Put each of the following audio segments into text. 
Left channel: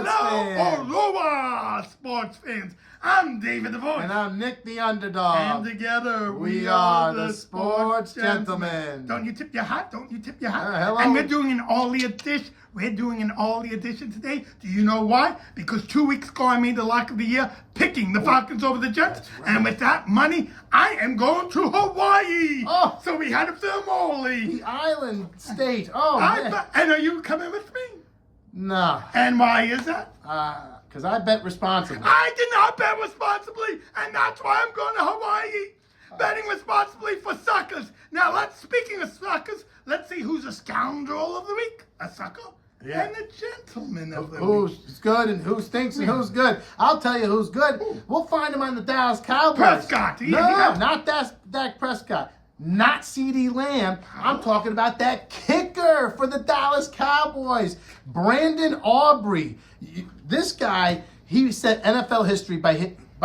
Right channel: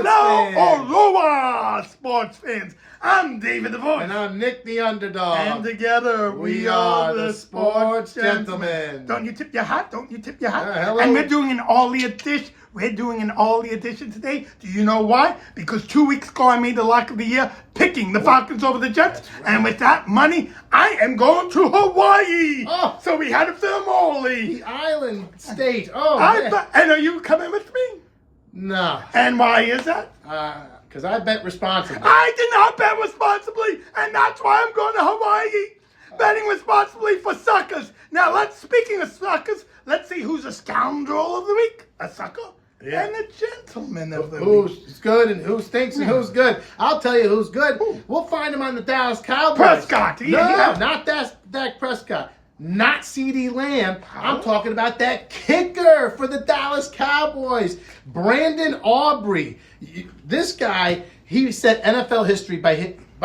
Aloha, sports fans. I'm David the Voice. And I'm Nick the Underdog. And together we are the Sports Gentlemen. Don't you tip your hat? Don't you tip your hat? Hello. And we're doing an all-year dish. We're doing an all-year edition today. Do you know why? Because 2 weeks ago I made the lock of the year picking the Falcons over the Jets. Right. And with that money, I am going to Hawaii. Oh. So we had a thermally. The island state. Oh, and are you coming with me? No. And why is that? Because I bet responsibly. I did not bet responsibly, and that's why I'm going to Hawaii. Betting responsibly for suckers. Now, speaking of suckers, let's see who's a scoundrel of the week, a sucker, and a gentleman of the week. Who's good and who stinks and who's good. I'll tell you who's good. We'll find him on the Dallas Cowboys. Prescott. No, not Dak Prescott. Not CeeDee Lamb. I'm talking about that kicker for the Dallas Cowboys, Brandon Aubrey. This guy, he set NFL history by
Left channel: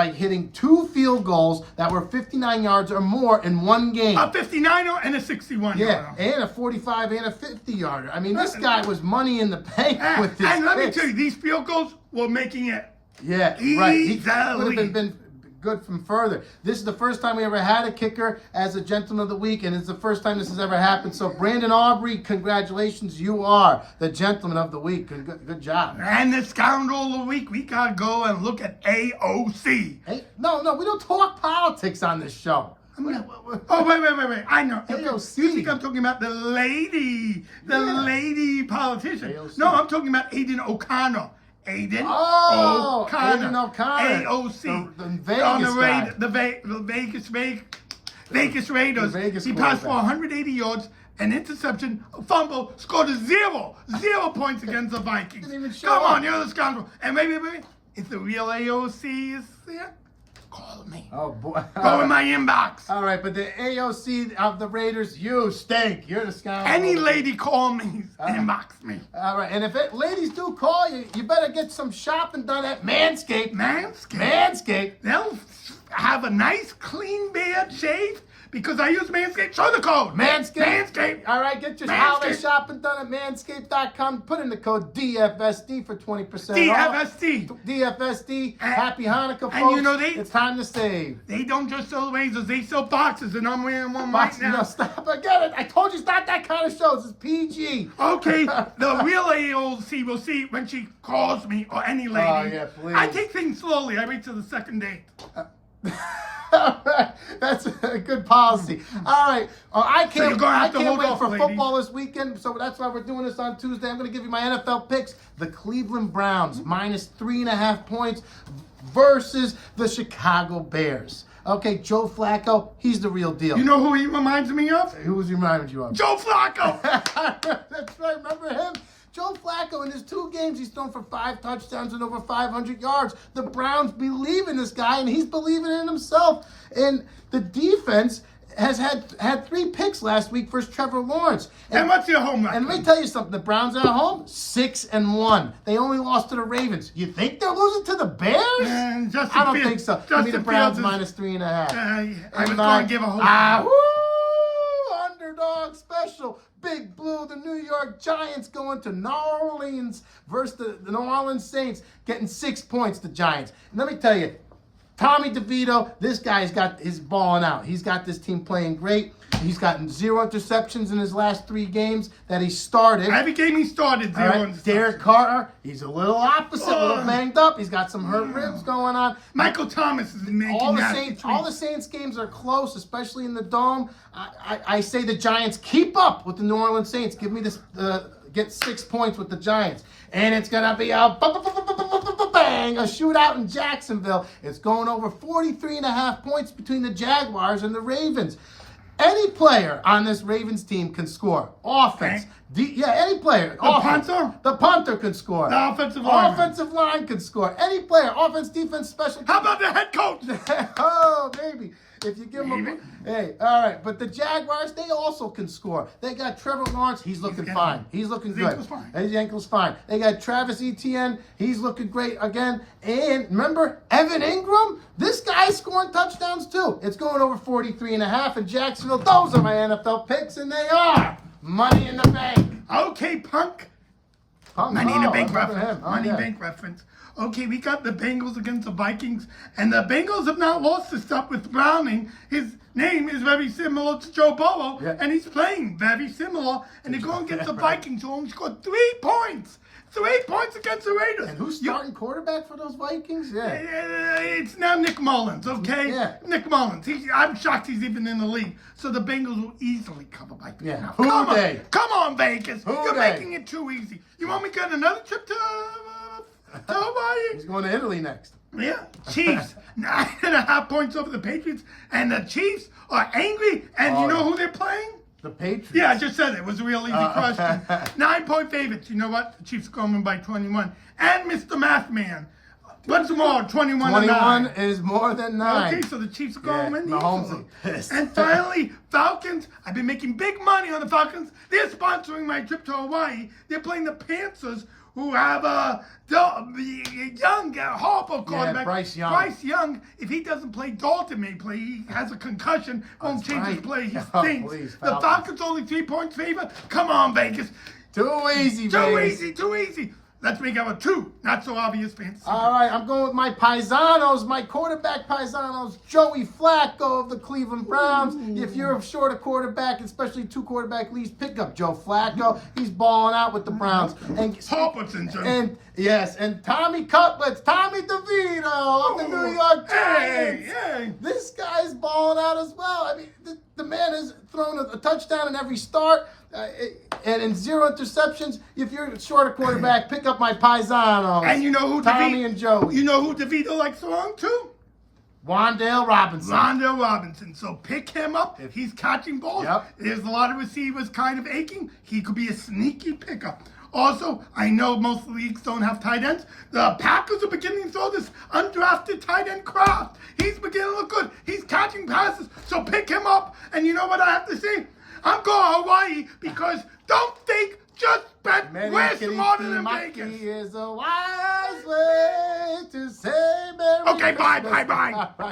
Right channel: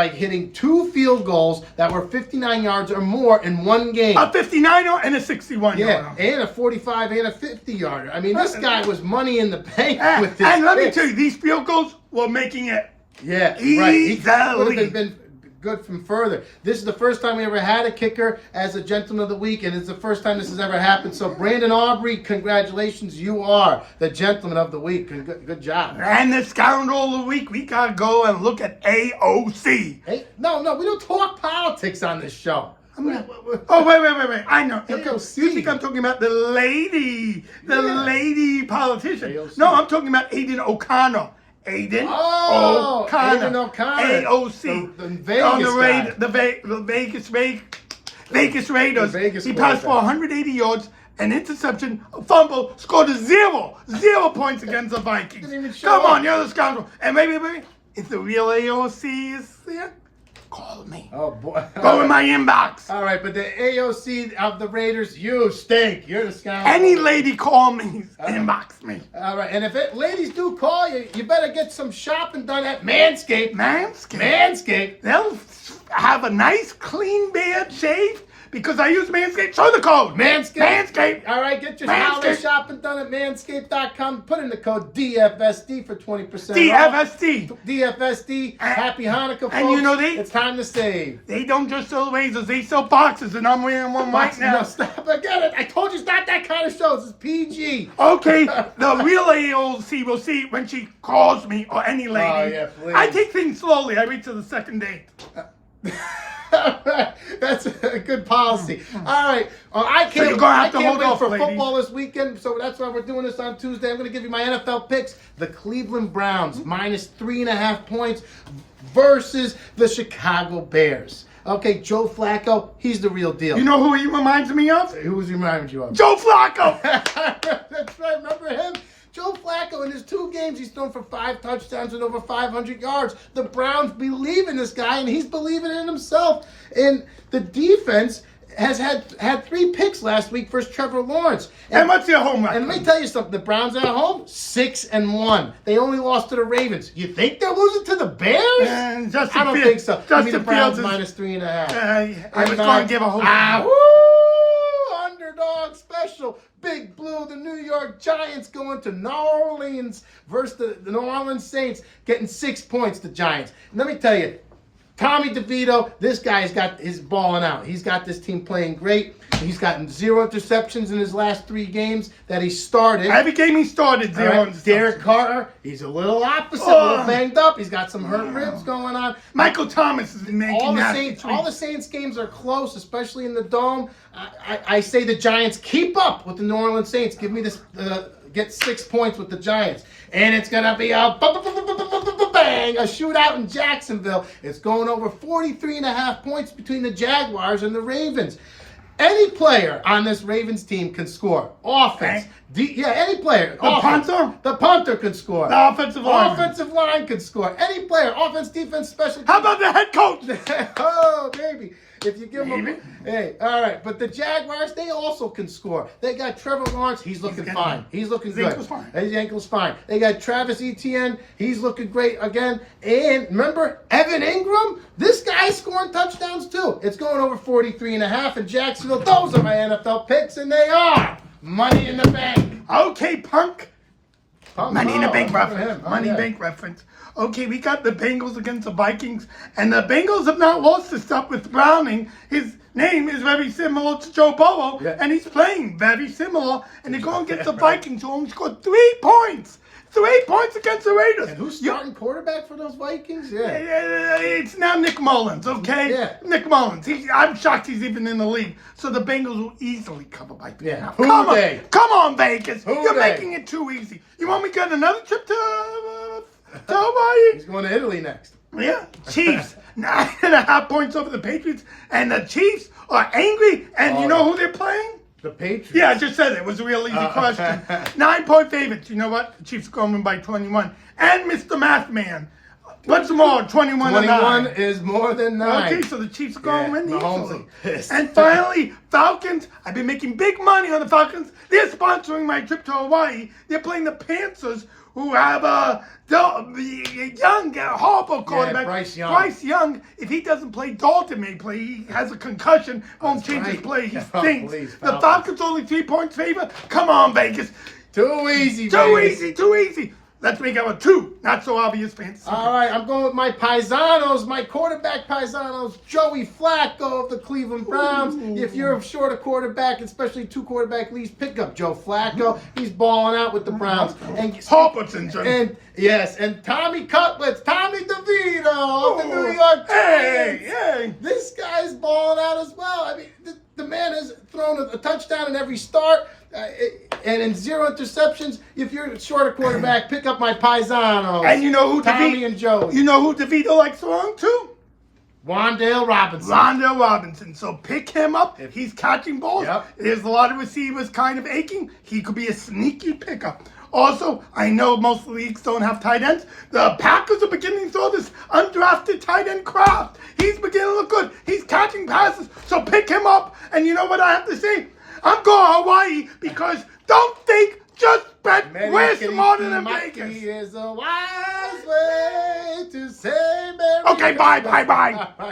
hitting 2 field goals that were 59 yards or more in one game. A 59er and a 61 yarder. Yeah, and a 45 and a 50 yarder. I mean, this guy was money in the bank with this. And let me tell you, these field goals were making it. Yeah, right. He would have been good from further. This is the first time we ever had a kicker as a gentleman of the week, and it's the first time this has ever happened. So, Brandon Aubrey, congratulations. You are the gentleman of the week. Good job. And the scoundrel of the week, we got to go and look at AOC. Hey, no, we don't talk politics on this show. Oh, wait. I know. AOC. You think I'm talking about the lady politician. AOC. No, I'm talking about Aiden O'Connor. Aiden O'Connor. AOC. The Vegas on the guy. the Vegas Raiders. He passed for 180 yards, an interception, a fumble, scored a 0 points against the Vikings. Didn't even show Come up. on, you're the scoundrel. And maybe, if the real AOC is there, call me. Oh, boy. Go in my inbox. All right, but the AOC of the Raiders, you stink. You're the scoundrel. Any lady call me, inbox me. All right, and if ladies do call you, you better get some shopping done at Manscaped. Manscaped. They'll have a nice, clean beard shaved because I use Manscaped. Show the code. Manscaped. All right, get your holiday shopping done at manscaped.com. Put in the code DFSD for 20% off. DFSD. Happy Hanukkah, folks. And you know it's time to save. They don't just sell razors, they sell boxes, and I'm wearing one right now. No, stop. I get it. I told you it's not that kind of show. This is PG. Okay, the real AOC will see when she calls me or any lady. Oh, yeah, please. I take things slowly. I wait till the second date. All right. That's a good policy. All right. I can't wait for football this weekend, so that's why we're doing this on Tuesday. I'm going to give you my NFL picks. The Cleveland Browns, minus 3.5 points versus the Chicago Bears. Okay, Joe Flacco, he's the real deal. You know who he reminds me of? Who's he reminding you of? Joe Flacco! That's right. Remember him? Joe Flacco, in his 2 games, he's thrown for 5 touchdowns and over 500 yards. The Browns believe in this guy, and he's believing in himself. And the defense has had 3 picks last week versus Trevor Lawrence. And what's your home record? And let me tell you something. The Browns are at home 6-1. They only lost to the Ravens. You think they're losing to the Bears? I don't think so. Give me the Browns minus 3.5. I was going to give a whole... Underdog special. Big Blue, the New York Giants going to New Orleans versus the New Orleans Saints, getting 6 points, the Giants. And let me tell you, Tommy DeVito, this guy's got his balling out. He's got this team playing great. He's gotten 0 interceptions in his last 3 games that he started. Every game he started, 0 interceptions. Derek Carter, he's a little opposite, a little banged up. He's got some hurt ribs going on. Michael Thomas is making all the Saints games are close, especially in the Dome. I say the Giants keep up with the New Orleans Saints. Give me this, get 6 points with the Giants. And it's going to be a bang, a shootout in Jacksonville. It's going over 43.5 points between the Jaguars and the Ravens. Any player on this Ravens team can score. Offense. Any player. The punter can score. The offensive line. Offensive line can score. Any player. Offense, defense, special teams. How about the head coach? Oh, maybe. If you give them hey, all right. But the Jaguars, they also can score. They got Trevor Lawrence. He's looking fine. He's looking good. His ankle's fine. They got Travis Etienne. He's looking great again. And remember, Evan Ingram? This guy's scoring touchdowns too. It's going over 43.5 in Jacksonville. Those are my NFL picks, and they are money in the bank. Okay, punk. Money in the Bank I remember reference. him. Oh, Money yeah. Bank reference. Okay, we got the Bengals against the Vikings, and the Bengals have not lost this stuff with Browning. His name is very similar to Joe Burrow, Yeah. and he's playing very similar. And they're going against the Vikings, who only scored 3 points. 3 points against the Raiders. And who's starting quarterback for those Vikings? Yeah. It's now Nick Mullins, okay? Yeah. Nick Mullins. I'm shocked he's even in the league. So the Bengals will easily cover by 3. Yeah. Now, Who come on, they? come on, Vegas. Who You're they? making it too easy. You want me to get another trip to Hawaii? He's going to Italy next. Yeah, Chiefs 9.5 points over the Patriots, and the Chiefs are angry. And you know who they're playing? The Patriots. Yeah, I just said it. It was a real easy question. 9-point favorites. You know what? The Chiefs are going by 21. And Mr. Math Man. Once more, 21 and 21 9. is more than 9. Okay, so the Chiefs are going to win Mahomes easily. is pissed. And finally, Falcons. I've been making big money on the Falcons. They're sponsoring my trip to Hawaii. They're playing the Panthers, who have a young, horrible quarterback. Bryce Young. Bryce Young, if he doesn't play, Dalton may play. He has a concussion, won't change his right. play. He Oh, stinks. please, The Falcons. Falcons only 3 points favor. Come on, Vegas. Too easy, Too Vegas. easy, too easy. Let's make our 2 not so obvious fantasy. All right, I'm going with my paisanos, my quarterback paisanos, Joey Flacco of the Cleveland Browns. If you're short a quarterback, especially 2 quarterback leagues, pick up Joe Flacco. He's balling out with the Browns. And yes, and Tommy Cutlets, Tommy DeVito of the New York Giants. Hey. This guy's balling out as well. I mean, the man has thrown a touchdown in every start. And in 0 interceptions. If you're short a quarterback, pick up my paisanos. And you know who Tommy and Joey. You know who DeVito likes throwing to? Wandale Robinson. Rondell Robinson. So pick him up. He's catching balls. Yep. There's a lot of receivers kind of aching. He could be a sneaky pickup. Also, I know most leagues don't have tight ends. The Packers are beginning to throw this undrafted tight end Kraft. He's beginning to look good. He's catching passes. So pick him up. And you know what I have to say? I'm going to Hawaii because don't think, just bet. We're smarter than Vegas. Is a wise way to say Merry Okay, bye. Christmas.